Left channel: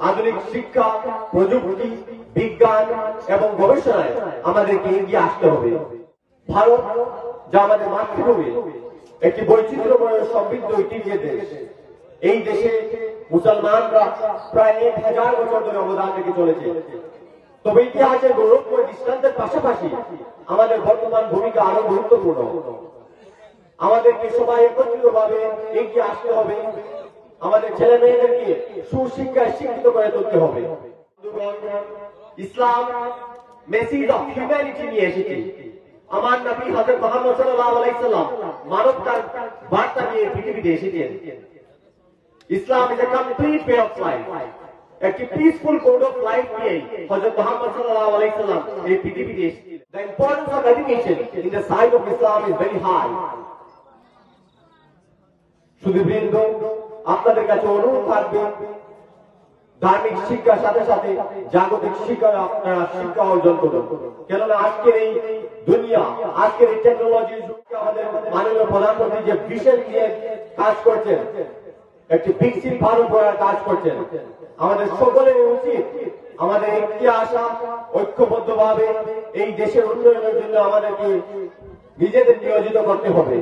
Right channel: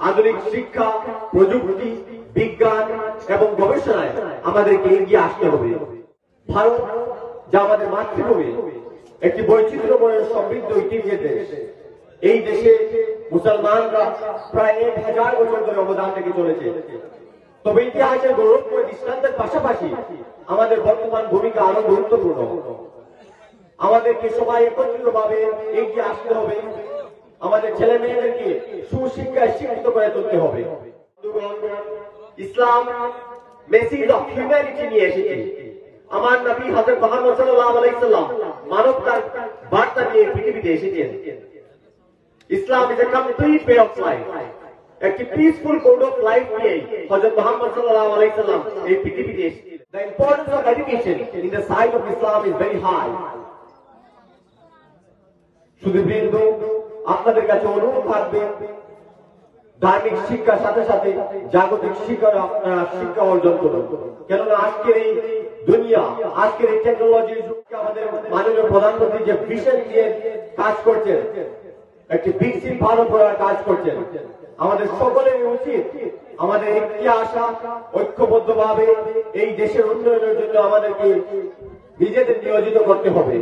আধুনিক শিক্ষা, প্রযুক্তি, বিজ্ঞান এবং গবেষণায় আমাদেরকে এগিয়ে আসতে হবে। ভারত, যা আমাদের মাতৃভূমি, একটি বৈচিত্র্যময় সমৃদ্ধ ঐতিহ্যের দেশ। এই দেশে মুসলমানরা প্রায় 1000 বছর ধরে অবদান রেখে চলেছে। তবে ইতিহাসের গৌরবময় দৃষ্টান্তের পাশাপাশি আমাদের বর্তমান ভূমিকা আরো গুরুত্বপূর্ণ। আমাদেরকে সবাই একত্রিতভাবে এগিয়ে আসতে হবে। আমাদের ছেলে মেয়েদেরকে সুশিক্ষায় শিক্ষিত করে তুলতে হবে। ইসলাম মেসেজ অফ হিউম্যানিটি নিয়ে এসেছে। আমার নবী হযরত মুহাম্মদ সাল্লাল্লাহু আলাইহি সাল্লাম মানবতার বার্তা নিয়ে পৃথিবীতে এসেছেন। Islam is a complete way of life. একটি পিসফুল কোড অফ লাইফ নিয়ে হযরত মুহাম্মদ সাল্লাল্লাহু আলাইহি সাল্লাম এই পৃথিবীতে এসেছেন। The importance of education in the sight of Islam is very high. সুধীবৃন্দ, আপনাদের কাছে অনুরোধ থাকবে ধার্মিক শিক্ষার সাথে সাথে জাগতিক শিক্ষায় আপনারা শিক্ষা অর্জন করুন। কেননা আজকের এই দুনিয়া, আজকের এই টেকনোলজি যুগে আমাদের মাননীয় প্রধানমন্ত্রী যে ভিশন নিয়ে কাজ করছেন, একটি বিকশিত ভারত গড়ার কাজ করছেন, আমাদের সকলের উচিত আমাদের এগিয়ে আসা, ঐক্যবদ্ধভাবে এই দেশের উন্নয়নের জন্য আমাদেরকে নিজেদের নিয়োজিত করতে হবে।